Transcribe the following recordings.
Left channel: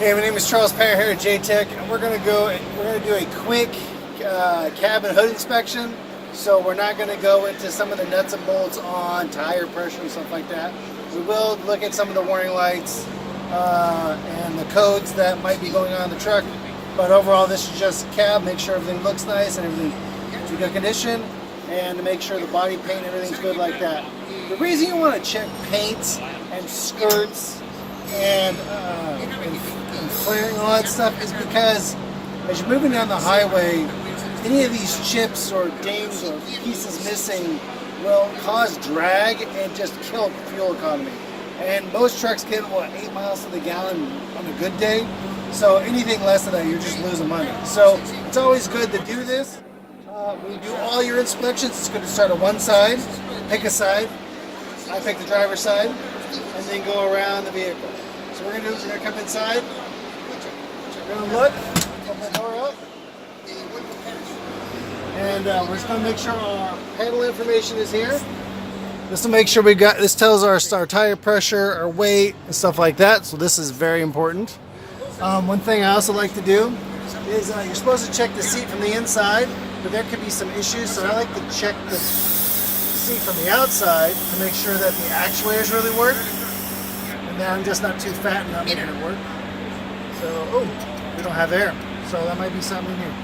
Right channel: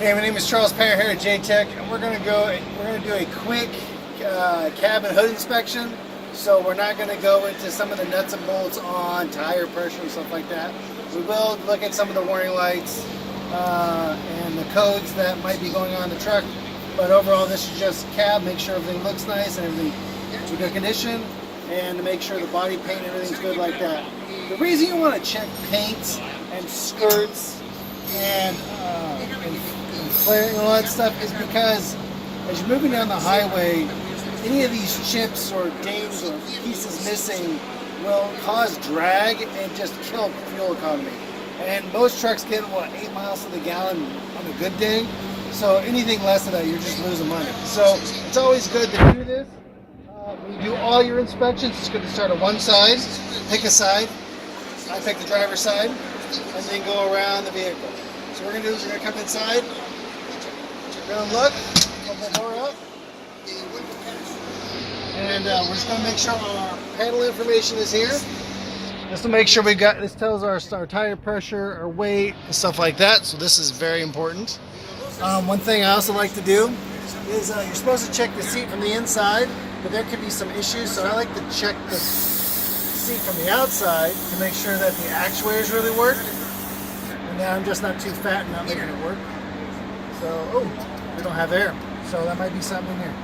Hey, my name is Charles Perry here at J-Tech, and we're gonna do a quick cabin hood inspection. So we're not gonna go into some of the nuts and bolts on tire pressure and stuff like that. We will look at some of the warning lights and the codes that might be going on in the truck. But overall, this is just cab. Make sure everything looks nice and everything's in good condition, and to make sure the body paint, everything's good like that. The reason you want to check paints and skirts and flaring and all that stuff is because as you're moving down the highway, any of these chips or dings or pieces missing will cause drag and just kill fuel economy. And most trucks get, 8 miles to the gallon on a good day. So anything less than that, you're just losing money. So it's always good to do this. When you do all your inspections, it's good to start on one side, pick a side. I pick the driver's side, and then go around the vehicle. So what we're going to do is we're going to come inside, we're going to look, open the door up, and we're just going to make sure our panel information is here. Just to make sure this tells our tire pressure, our weight, and stuff like that. So this is very important. One thing I also like to do is you're supposed to check the seat from the inside, but there could be some issues. So I like to check the seat from the outside to make sure that the actuators really work. And that I'm just not too fat and not making it work. So, we don't have air. So that might be something in here.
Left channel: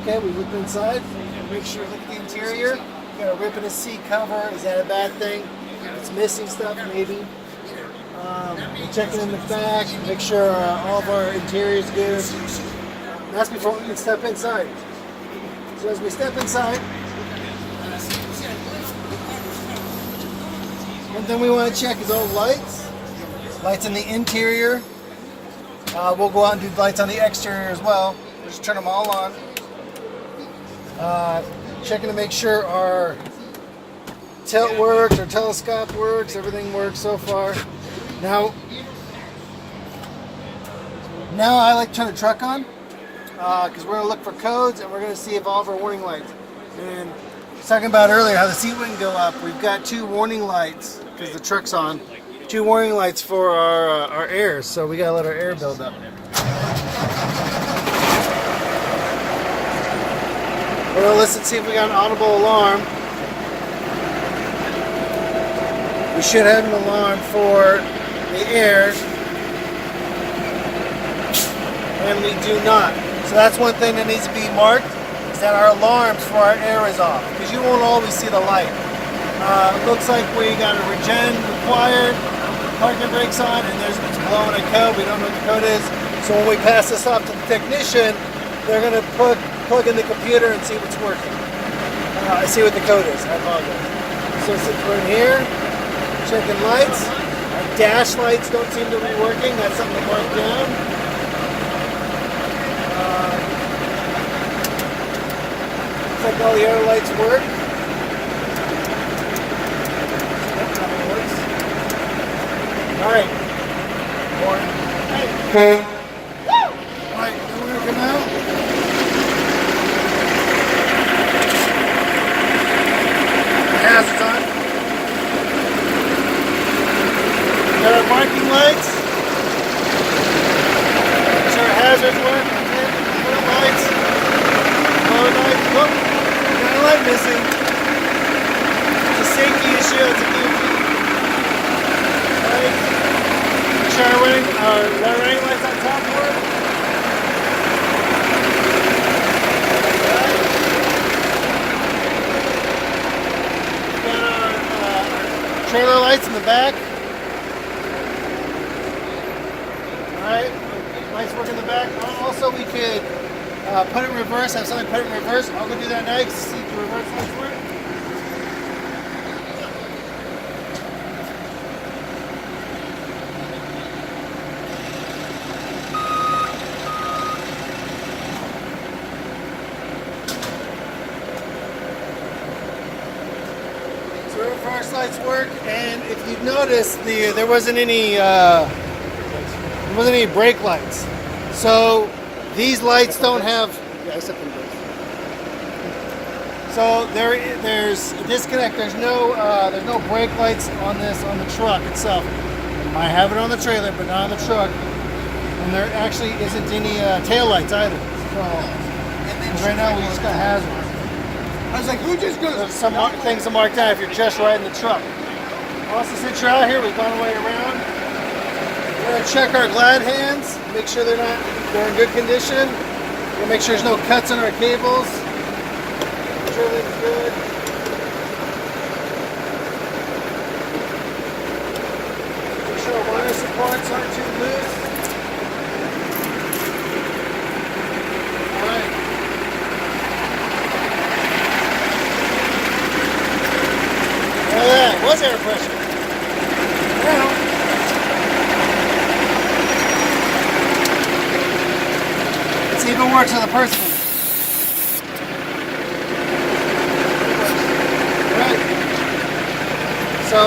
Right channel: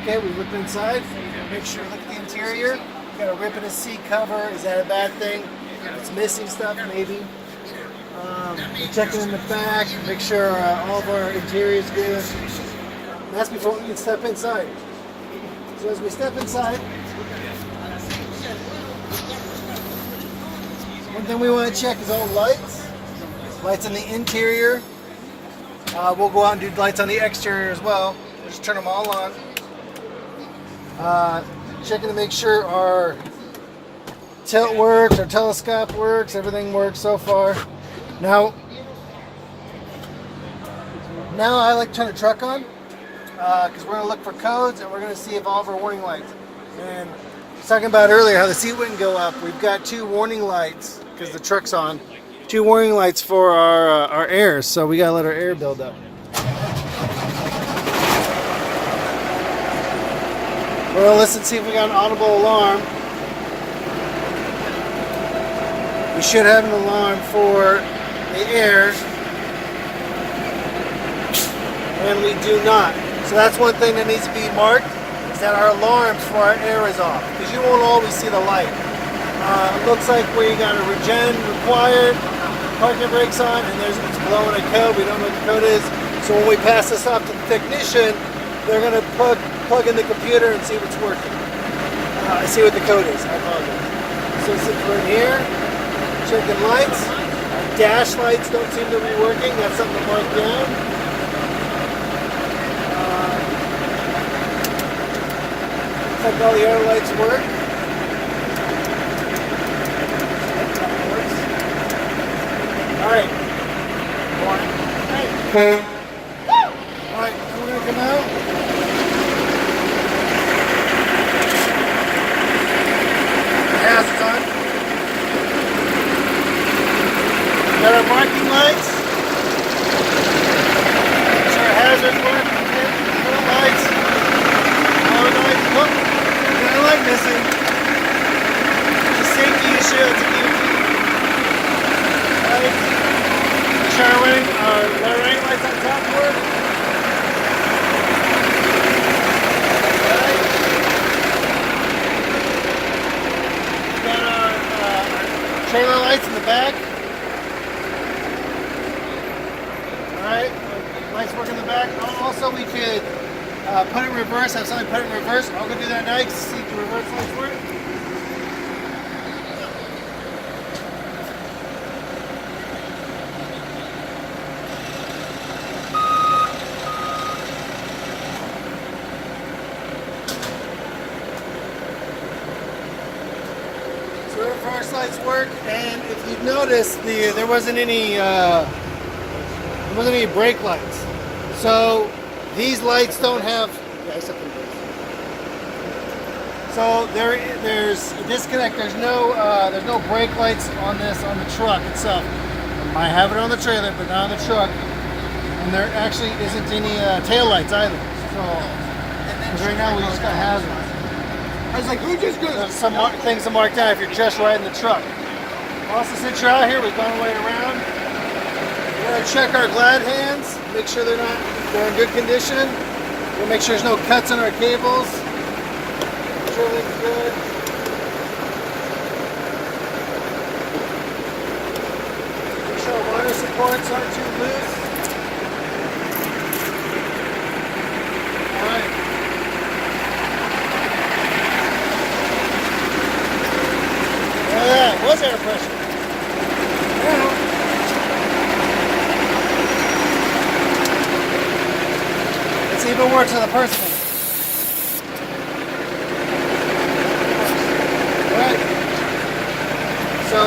Okay, we looked inside. Make sure you look at the interior. You got a rip in the seat cover. Is that a bad thing? It's missing stuff, maybe. We're checking in the back. Make sure all of our interior is good. That's before we can step inside. So as we step inside, one thing we want to check is all lights. Lights in the interior. We'll go out and do lights on the exterior as well. Just turn them all on. Checking to make sure our tilt works, our telescope works, everything works so far. Now I like to turn the truck on because we're going to look for codes and we're going to see if all of our warning lights. And I was talking about earlier how the seat wouldn't go up. We've got 2 warning lights because the truck's on. 2 warning lights for our air, so we got to let our air build up. We're going to listen, see if we got an audible alarm. We should have an alarm for the airs, and we do not. So that's one thing that needs to be marked, is that our alarms for our air is off, because you won't always see the light. It looks like we got a regen required, parking brakes on, and it's blowing a code. We don't know what the code is. So when we pass this off to the technician, they're going to plug in the computer and see if it's working. I see what the code is. I apologize. So since we're in here, checking lights. Our dash lights don't seem to be working. That's something to mark down. Looks like all the other lights work. That's how it works. Alright. Alright, so we're going to come out. Hazards on. Got our marking lights. Make sure our hazards work. Lights. Got a light missing. It's a safety issue. It's a key. Make sure our light lights on top work. Trailer lights in the back. Alright, lights work in the back. Also, we can put it in reverse. Have somebody put it in reverse. I'll go do that next to see if the reverse lights work. So reverse lights work, and if you notice, there wasn't any brake lights. So these lights don't have. So there's a disconnect. There's no brake lights on the truck itself. I might have it on the trailer, but not on the truck. And there actually isn't any tail lights either. So right now we just got hazards. I was like, who just did There's some things to mark down if you're just riding the truck. Also, since you're out here, we've gone way around. We're gonna check our glide hands, make sure they're in good condition. We'll make sure there's no cuts on our cables. Make sure everything's good. Make sure our wire supports aren't too loose. Alright. Yeah, was air pressure. Well, it's even worse on the person. Right. So,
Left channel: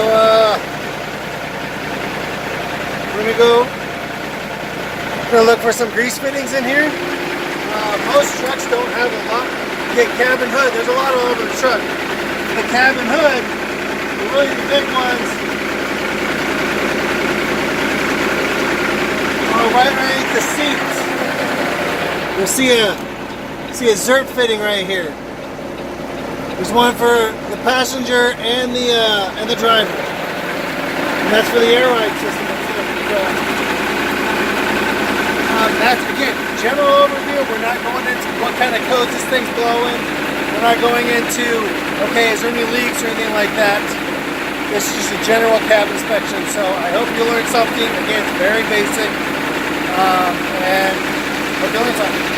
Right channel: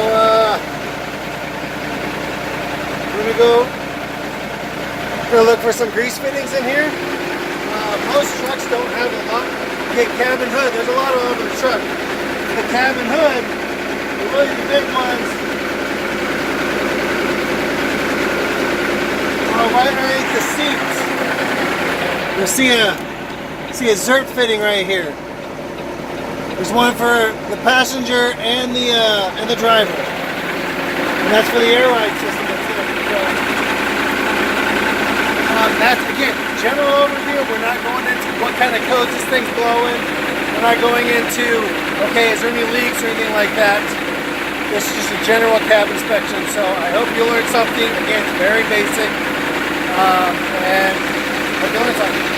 we're gonna look for some grease fittings in here. Most trucks don't have a lot. You get cabin hood. There's a lot all over the truck. The cabin hood, really the big ones, are right underneath the seats. You'll see a Zert fitting right here. There's one for the passenger and the driver, and that's for the air ride system. That's again general overview. We're not going into what kind of codes this thing's blowing. We're not going into okay, is there any leaks or anything like that. This is just a general cab inspection. So I hope you learned something. Again, very basic, and hope you learned something.